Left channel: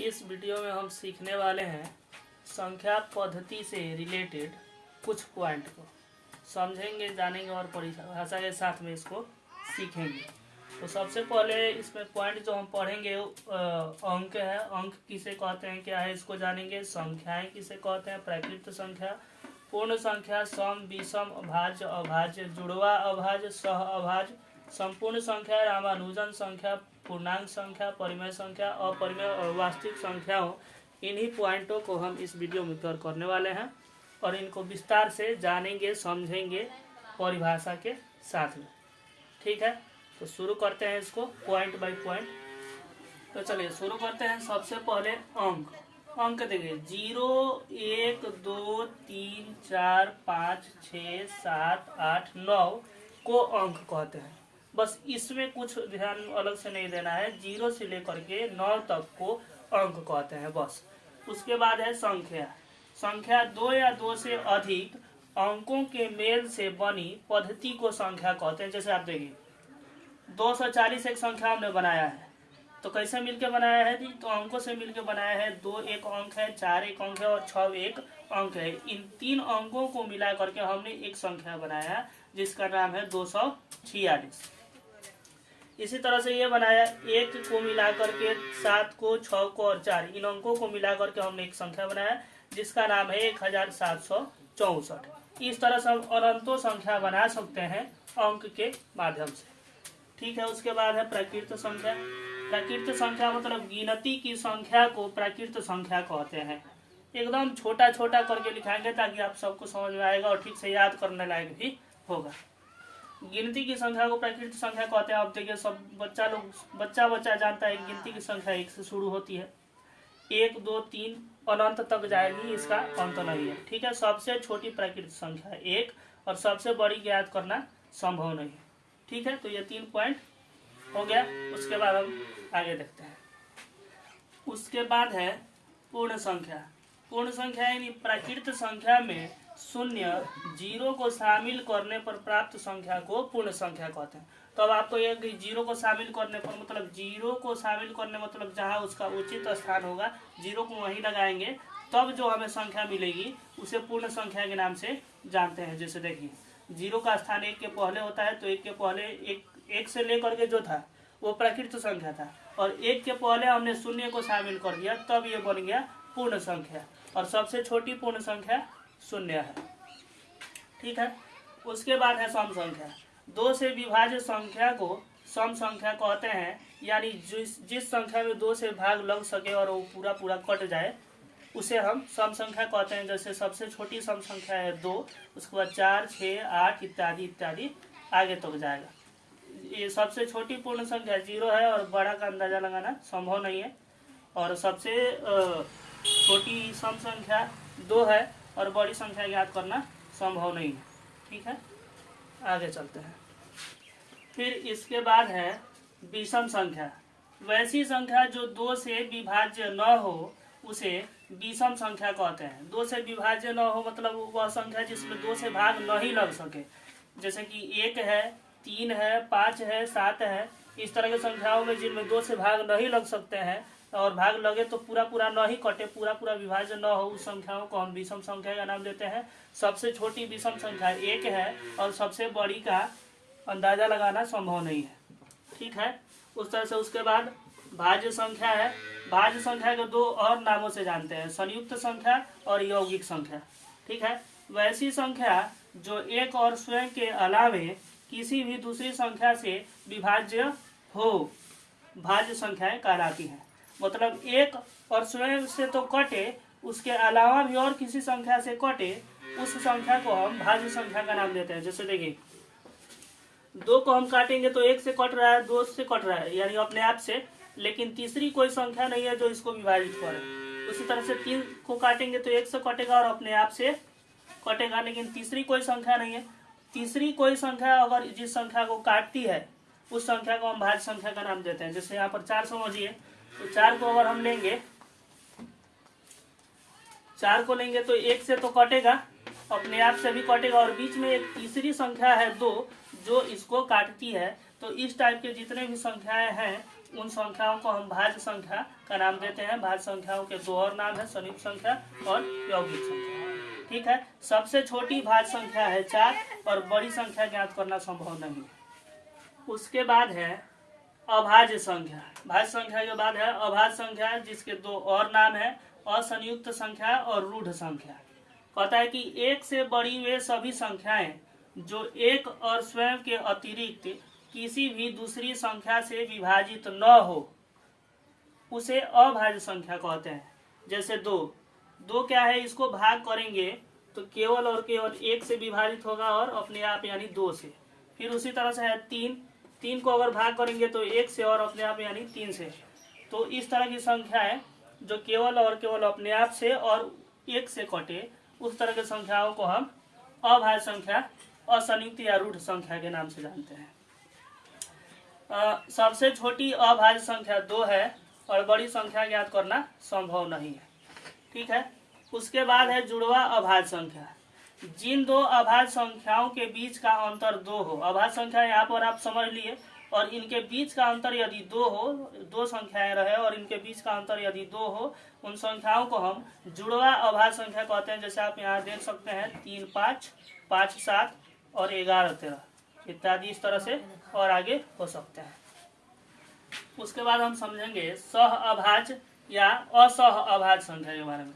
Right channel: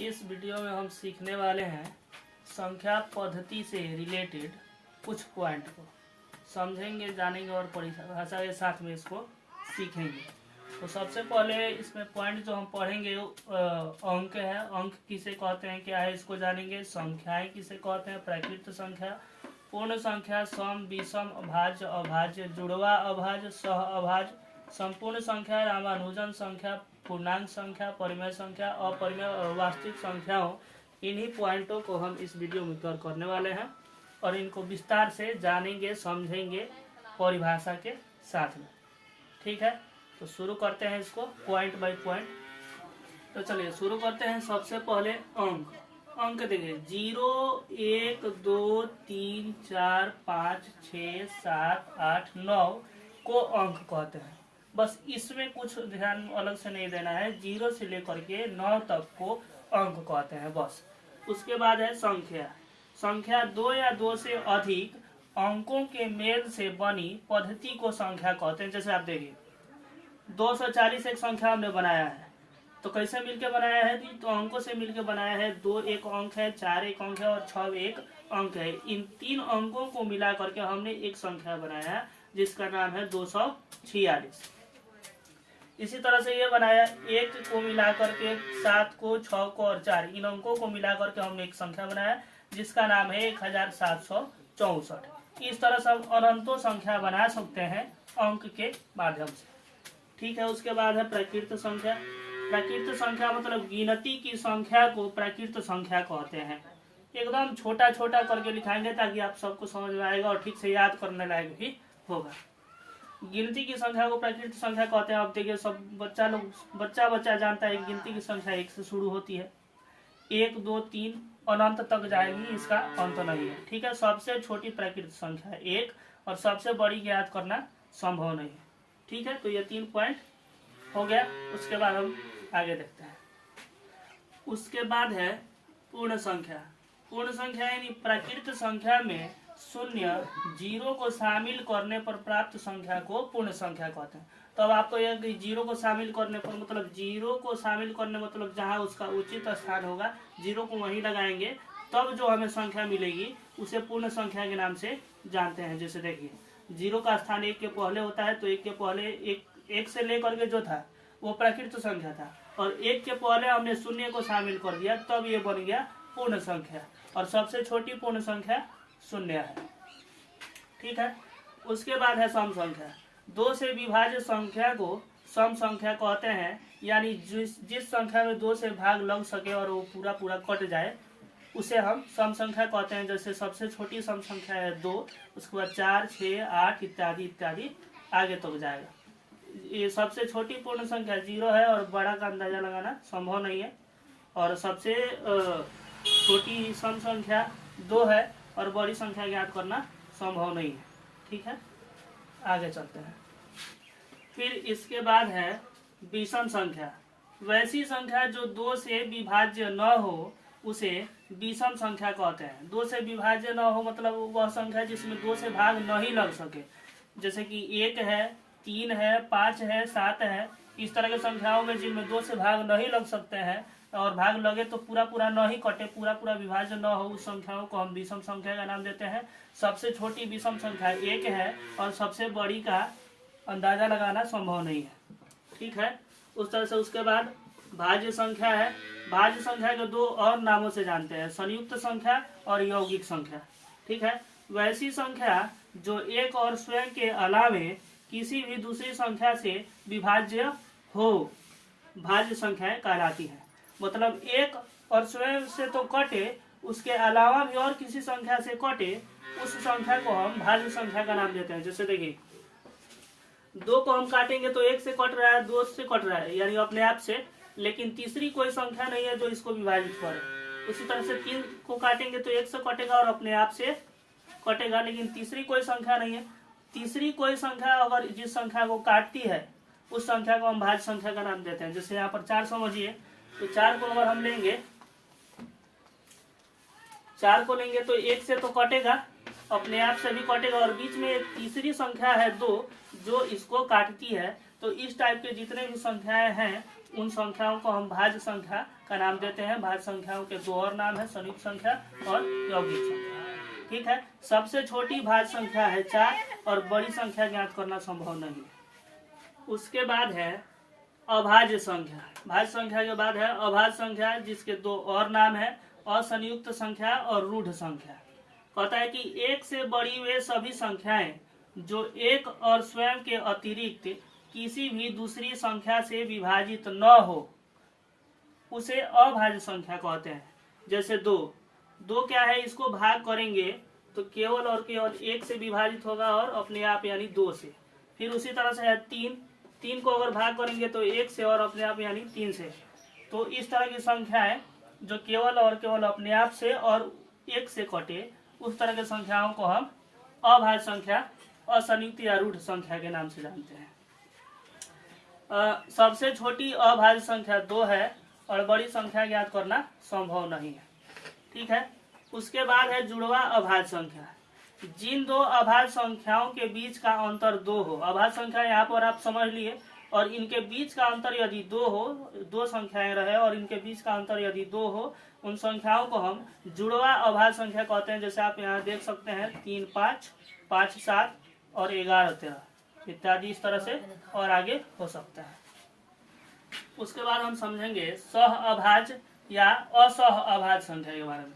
इस वीडियो में हम सीखने वाले हैं संख्या पद्धति से रिलेटेड कुछ पॉइंट को समझेंगे, जानेंगे और परिभाषा के साथ में इसको सीखेंगे। तो सबसे पहले इसमें पॉइंट जो हम पढ़ेंगे अंक है। अंक किसे कहते हैं, क्या है, इसको जानेंगे। संख्याएं किसे कहते हैं, प्राकृत संख्या, पूर्ण संख्या, सम, विषम, अभाज्य, अभाज्य, जुड़वा अभाज्य, सह अभाज्य, संपूर्ण संख्या, रामानुजन संख्या, पूर्णांक संख्या, परिमेय संख्या, अपरिमेय और वास्तविक संख्याओं। इन्हीं पॉइंटों को हम इस वीडियो में कवर करने वाले हैं और इनको विस्तार से जानेंगे, समझेंगे परिभाषा के साथ में। ठीक है, तो शुरू करते हैं इसको पॉइंट बाय पॉइंट। तो चलिए शुरू करते हैं। सबसे पहले अंक। अंक देखिए 0, 1, 2, 3, 4, 5, 6, 7, 8, 9 को अंक कहते हैं। बस इसमें कुछ ध्यान अलग से नहीं देना है। 0 से लेकर के 9 तक को अंक कहते हैं बस। उसके बाद है संख्या। संख्या 2 या 2 से अधिक अंकों के मेल से बनी पद्धति को संख्या कहते हैं। जैसे आप देखिए 240 एक संख्या हमने बनाया है, तो कैसे मिलके बनाया है जी? तो अंकों से मिलके बनाया है। 2 एक अंक है, 4 एक अंक है और 6 एक अंक है। इन 3 अंकों को मिला करके हमने एक संख्या बनाया है जिसका नाम है 246। इसी तरह से ये बनाया 1 को मिला करके 7 को, 6 को और 4, इन अंकों को मिला करके हमने एक संख्या बनाया जिसका नाम है 1764। इस तरह से हम अनंतों संख्या बना सकते हैं अंक के माध्यम से। ठीक है, उसके बाद है प्राकृत संख्या। प्राकृत संख्या मतलब गिनती की संख्या को प्राकृत संख्या कहते हैं। एकदम छोटा छोटा करके लिखाएंगे ताकि आप सबको समझ में आएगा और ठीक से याद करने लायक भी होगा। गिनती की संख्या को प्राकृत संख्या कहते हैं। आप देखिए सब बच्चा जानता है गिनती की संख्या 1 से शुरू होती है। 1, 2, 3 अनंत तक जाएगी, इसका अंत नहीं है। ठीक है, सबसे छोटी प्राकृत संख्या 1 और सबसे बड़ी ज्ञात करना संभव नहीं है। ठीक है, तो ये 3 पॉइंट हो गया। उसके बाद हम आगे देखते हैं। उसके बाद है पूर्ण संख्या। पूर्ण संख्या यानी प्राकृत संख्या में 0, 0 को शामिल करने पर प्राप्त संख्या को पूर्ण संख्या कहते हैं। तो अब आपको ये 0 को शामिल करने पर मतलब 0 को शामिल करने मतलब जहाँ उसका उचित स्थान होगा 0 को वहीं लगाएंगे, तब जो हमें संख्या मिलेगी उसे पूर्ण संख्या के नाम से जानते हैं। जैसे देखिए 0 का स्थान 1 के पहले होता है, तो 1 के पहले 1 से लेकर के जो था वो प्राकृत संख्या था और 1 के पहले हमने 0 को शामिल कर दिया, तब ये बन गया पूर्ण संख्या और सबसे छोटी पूर्ण संख्या 0 है। ठीक है, उसके बाद है सम संख्या। 2 से विभाज्य संख्या को सम संख्या कहते हैं, यानी जिस संख्या में 2 से भाग लग सके और वो पूरा कट जाए उसे हम सम संख्या कहते हैं। जैसे सबसे छोटी सम संख्या है 2, उसके बाद 4, 6, 8 इत्यादि इत्यादि आगे तक जाएगा। ये सबसे छोटी पूर्ण संख्या 0 है और बड़ा का अंदाजा लगाना संभव नहीं है। और सबसे छोटी सम संख्या 2 है और बड़ी संख्या ज्ञात करना संभव नहीं है। ठीक है, आगे चलते हैं। फिर इसके बाद है विषम संख्या। वैसी संख्या जो 2 से विभाज्य न हो उसे विषम संख्या कहते हैं। 2 से विभाज्य न हो मतलब वह संख्या जिसमें 2 से भाग नहीं लग सके। जैसे कि 1 है, 3 है, 5 है, 7 है, इस तरह की संख्याओं में जिनमें 2 से भाग नहीं लग सकते हैं और भाग लगे तो पूरा नहीं कटे, पूरा विभाज्य न हो, उस संख्याओं को हम विषम संख्या का नाम देते हैं। सबसे छोटी विषम संख्या 1 है और सबसे बड़ी का अंदाजा लगाना संभव नहीं है। ठीक है, उस तरह से उसके बाद भाज्य संख्या है। भाज्य संख्या के 2 और नामों से जानते हैं, संयुक्त संख्या और यौगिक संख्या। ठीक है, वैसी संख्या जो एक और स्वयं के अलावे किसी भी दूसरी संख्या से विभाज्य हो भाज्य संख्याएं कहलाती हैं। मतलब एक और स्वयं से तो कटे, उसके अलावा भी और किसी संख्या से कटे, उस संख्या को हम भाज्य संख्या का नाम देते हैं। जैसे देखिए 2 को हम काटेंगे तो 1 से कट रहा है, 2 से कट रहा है, यानी अपने आप से, लेकिन तीसरी कोई संख्या नहीं है जो इसको विभाजित करे। उसी तरह से 3 को काटेंगे तो 1 से कटेगा और अपने आप से कटेगा, लेकिन तीसरी कोई संख्या नहीं है। तीसरी कोई संख्या अगर जिस संख्या को काटती है उस संख्या को हम भाज्य संख्या का नाम देते हैं। जैसे यहाँ पर 4 समझिए, तो 4 को अगर हम लेंगे, 4 को लेंगे तो 1 से तो कटेगा, अपने आप से भी कटेगा और बीच में एक तीसरी संख्या है 2 जो इसको काटती है, तो इस टाइप के जितने भी संख्याएं हैं उन संख्याओं को हम भाज्य संख्या का नाम देते हैं। भाज्य संख्याओं के दो और नाम है, संयुक्त संख्या और यौगिक संख्या। ठीक है, सबसे छोटी भाज्य संख्या है 4 और बड़ी संख्या ज्ञात करना संभव नहीं। उसके बाद है अभाज्य संख्या। भाज्य संख्या के बाद है अभाज्य संख्या, जिसके दो और नाम है, असंयुक्त संख्या और रूढ़ संख्या। कहता है कि एक से बड़ी वे सभी संख्याएं जो एक और स्वयं के अतिरिक्त किसी भी दूसरी संख्या से विभाजित न हो उसे अभाज्य संख्या कहते हैं। जैसे दो क्या है, इसको भाग करेंगे तो केवल और केवल एक से विभाजित होगा और अपने आप यानी 2 से। फिर उसी तरह से है 3 को अगर भाग करेंगे तो 1 से और अपने आप यानी 3 से। तो इस तरह की संख्याएं जो केवल और केवल अपने आप से और 1 से कटे, उस तरह की संख्याओं को हम अभाज्य संख्या, असंयुक्त या रूढ़ संख्या के नाम से जानते हैं। सबसे छोटी अभाज्य संख्या 2 है और बड़ी संख्या ज्ञात करना संभव नहीं है। ठीक है, उसके बाद है जुड़वा अभाज्य संख्या। जिन दो अभाज्य संख्याओं के बीच का अंतर 2 हो, अभाज्य संख्या यहाँ पर आप समझ लिए, और इनके बीच का अंतर यदि 2 हो, 2 संख्याएं रहे और इनके बीच का अंतर यदि 2 हो, उन संख्याओं को हम जुड़वा अभाज्य संख्या कहते हैं। जैसे आप यहाँ देख सकते हैं 3 5, 5 7 और 11 13 इत्यादि, इस तरह से और आगे हो सकता है। उसके बाद हम समझेंगे सह अभाज्य या असह अभाज्य संख्या के बारे में।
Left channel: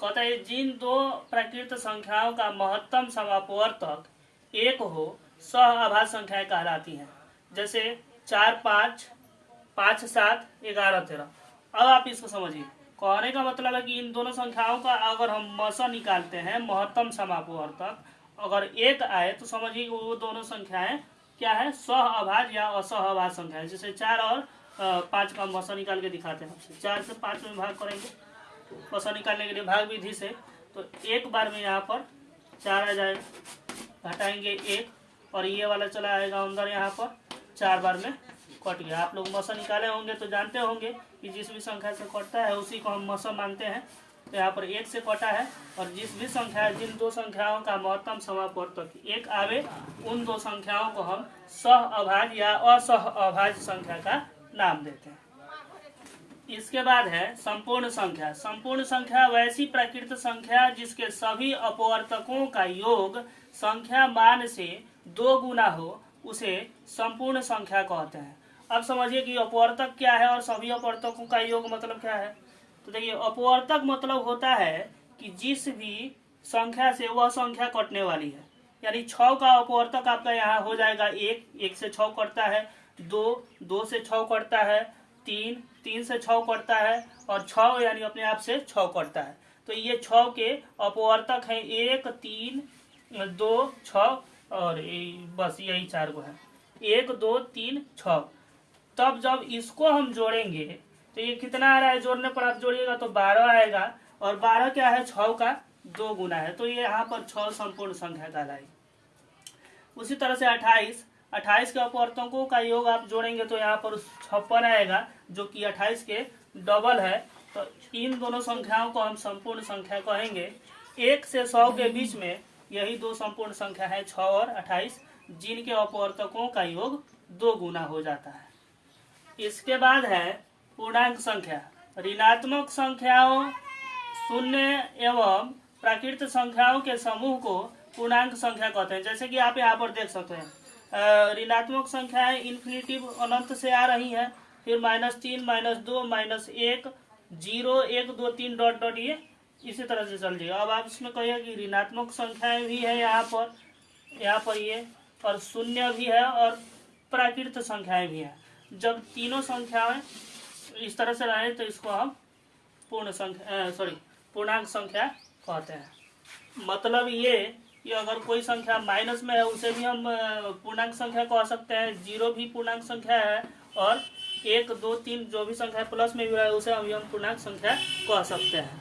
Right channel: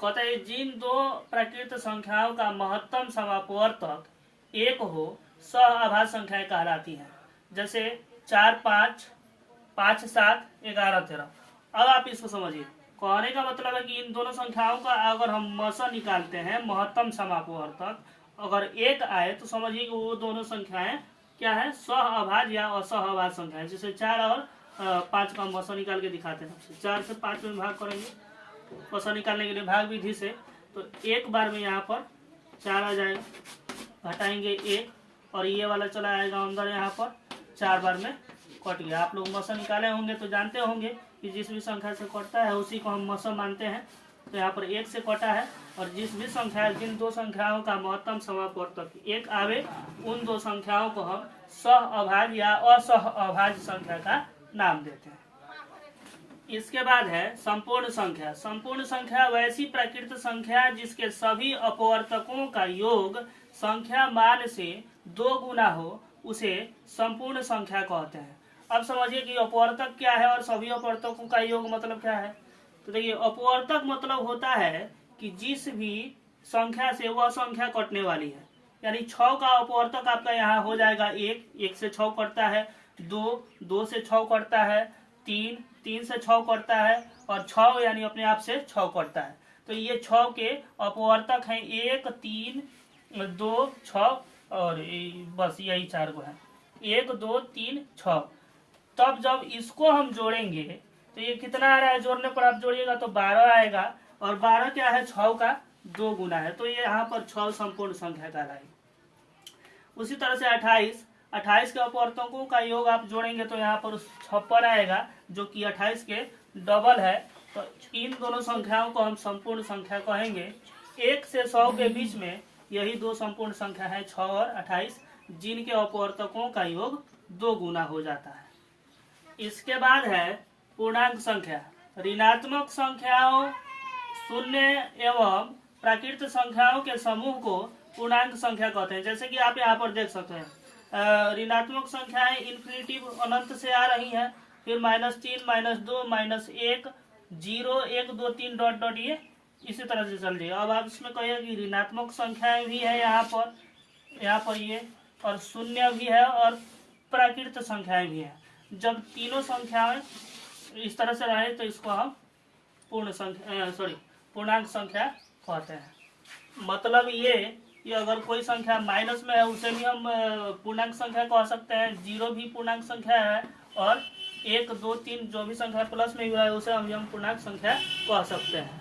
कहता है जिन दो प्राकृत संख्याओं का महत्तम समापवर्तक 1 हो, सह अभाज्य संख्याएं कहलाती हैं। जैसे 4 5, 5 7, 11 13। अब आप इसको समझिए, कहने का मतलब है कि इन दोनों संख्याओं का अगर हम मसा निकालते हैं, महत्तम समापवर्तक अगर 1 आए, तो समझिए कि वो दोनों संख्याएं क्या है, सह अभाज्य या असह अभाज्य संख्या है। जैसे 4 और 5 का मसा निकाल के दिखाते हैं। 4 से 5 में भाग करेंगे मसा निकालने के लिए भाग विधि से, तो एक बार में यहाँ पर 4 आ जाएगा, घटाएंगे 1 और ये वाला चला आएगा अंदर, यहाँ पर 4 बार में कट गया। आप लोग मसा निकाले होंगे तो जानते होंगे कि जिस भी संख्या से कटता है उसी को हम मसा मानते हैं। तो यहाँ पर 1 से कटा है, और जिस भी संख्या, जिन दो संख्याओं का महत्तम समापवर्तक 1 आवे, उन दो संख्याओं को हम सह अभाज्य या असह अभाज्य संख्या का नाम देते हैं। इसके बाद है संपूर्ण संख्या। संपूर्ण संख्या वैसी प्राकृत संख्या जिसके सभी अपवर्तकों का योग संख्या मान से 2 गुना हो, उसे संपूर्ण संख्या कहते हैं। अब समझिए कि अपवर्तक क्या है और सभी अपवर्तकों का योग मतलब क्या है। तो देखिए, अपवर्तक मतलब होता है कि जिस भी संख्या से वह संख्या कटने वाली है। यानी 6 का अपवर्तक आपका यहाँ हो जाएगा 1 से 6 कटता है, 2 से 6 कटता है, 3 से 6 कटता है, और 6 यानी अपने आप से 6 कटता है। तो ये 6 के अपवर्तक हैं 1 3 2 6 और बस यही 4 को है, 1 2 3 6। तब जब इसको हम जोड़ेंगे तो ये कितना आ रहा है, जोड़ने पर आप जोड़िएगा तो 12 आएगा, और 12 क्या है, 6 का 2 गुना है। तो ये यहाँ पर 6 संपूर्ण संख्या कहलाएगी। उसी तरह से 28 के अपवर्तकों का योग आप जोड़ेंगे तो यहाँ पर 56 आएगा, जो कि 28 के डबल है। तो इन दोनों संख्याओं को हम संपूर्ण संख्या कहेंगे। 1 से 100 के बीच में यही दो संपूर्ण संख्या है, 6 और 28, जिनके अपवर्तकों का योग 2 गुना हो जाता है। इसके बाद है पूर्णांक संख्या। ऋणात्मक संख्याओं, शून्य एवं प्राकृत संख्याओं के समूह को पूर्णांक संख्या कहते हैं। जैसे कि आप यहाँ पर देख सकते हैं, ऋणात्मक संख्याएं इन्फिनिटिव अनंत से आ रही हैं, फिर -3 -2 -1 0 1 2 3 डॉट डॉट, ये इसी तरह से चल जाएगा। अब आप इसमें कहिए कि ऋणात्मक संख्याएं भी है यहाँ पर ये, और शून्य भी है और प्राकृत संख्याएं भी है। जब तीनों संख्याएं इस तरह से रहे तो इसको हम पूर्णांक संख्या कहते हैं। मतलब ये कि अगर कोई संख्या माइनस में है उसे भी हम पूर्णांक संख्या कह सकते हैं, 0 भी पूर्णांक संख्या है, और 1 2 3 जो भी संख्या प्लस में भी रहा है उसे हम पूर्णांक संख्या कह सकते हैं।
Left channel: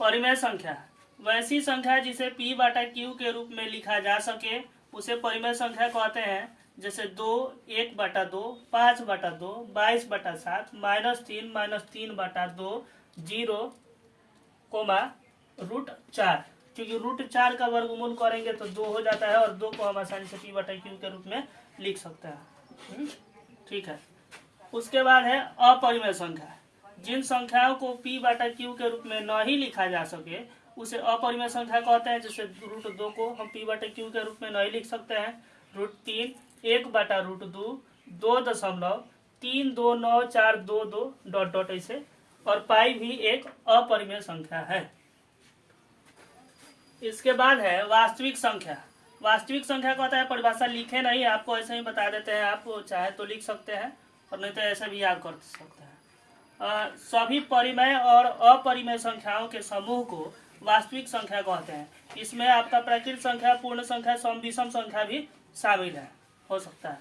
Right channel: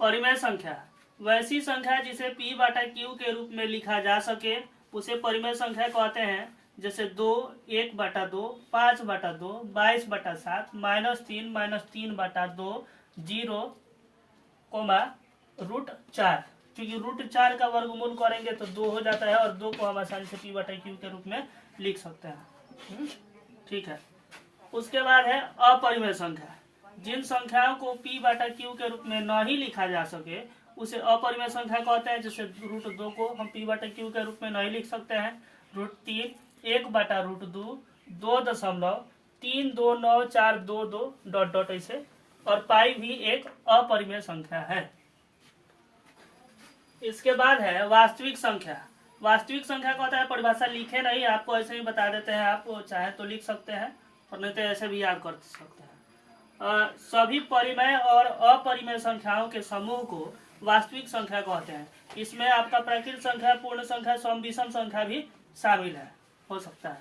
परिमेय संख्या वैसी संख्या जिसे p/q के रूप में लिखा जा सके उसे परिमेय संख्या कहते हैं। जैसे 2 1/2 5/2 22/7 -3 3/2 0, √4। क्योंकि √4 का वर्गमूल करेंगे तो 2 हो जाता है, और 2 को हम आसानी से p/q के रूप में लिख सकते हैं। ठीक है। उसके बाद है अपरिमेय संख्या। जिन संख्याओं को p बटा q के रूप में नहीं लिखा जा सके उसे अपरिमेय संख्या कहते हैं। जैसे √2 को हम p बटा q के रूप में नहीं लिख सकते हैं। √3 1 बटा √2 2.32942 डॉट डॉट ऐसे, और पाई भी एक अपरिमेय संख्या है। इसके बाद है वास्तविक संख्या। वास्तविक संख्या कहता है, परिभाषा लिखे नहीं, आपको ऐसे ही बता देते हैं, आप चाहे तो लिख सकते हैं और नहीं तो ऐसे भी याद कर सकते हैं। सभी परिमेय और अपरिमेय संख्याओं के समूह को वास्तविक संख्या कहते हैं। इसमें आपका प्राकृत संख्या, पूर्ण संख्या, सम विषम संख्या भी शामिल है, हो सकता है।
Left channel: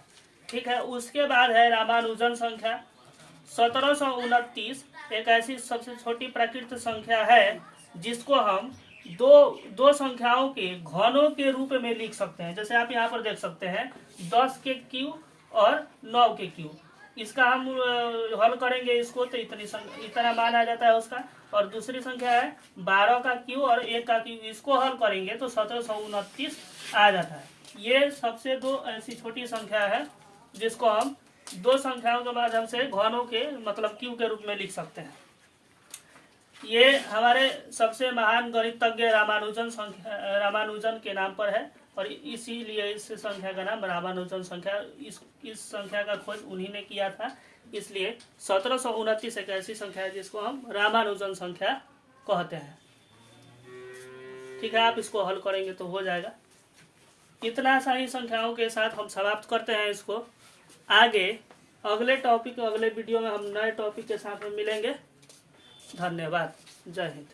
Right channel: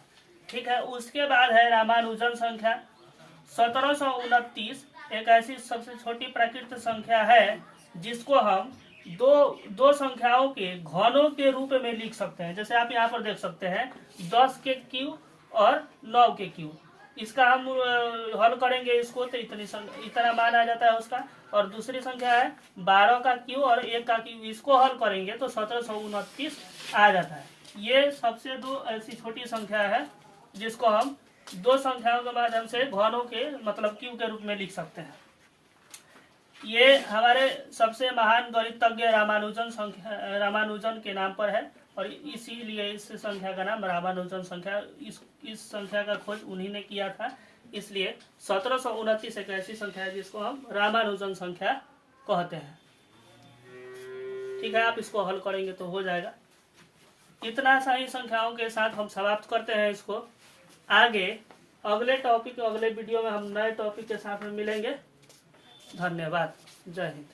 ठीक है। उसके बाद है रामानुजन संख्या। 1729 एक ऐसी सबसे छोटी प्राकृत संख्या है जिसको हम दो संख्याओं के घनों के रूप में लिख सकते हैं। जैसे आप यहाँ पर देख सकते हैं 10 के क्यू और 9 के क्यू। इसका हम हल करेंगे इसको तो इतना मान आ जाता है उसका। और दूसरी संख्या है 12 का क्यू और 1 का क्यू, इसको हल करेंगे तो 1729 आ जाता है। ये सबसे दो ऐसी छोटी संख्या है जिसको हम दो संख्याओं के माध्यम से घनों के मतलब क्यू के रूप में लिख सकते हैं। ये हमारे सबसे महान गणितज्ञ रामानुजन के नाम पर है और इसीलिए इस संख्या का नाम रामानुजन संख्या। इस संख्या का खोज उन्हीं ने किया था, इसलिए 1729 एक ऐसी संख्या है जिसको हम रामानुजन संख्या कहते हैं। ठीक है, आप इसको हल करेंगे तो हो जाएगा। इतना सारी संख्याओं के साथ हम समाप्त करते हैं इसको। आगे अगले वीडियो में हम नए टॉपिक के साथ में मिलेंगे। धन्यवाद। जय हिंद।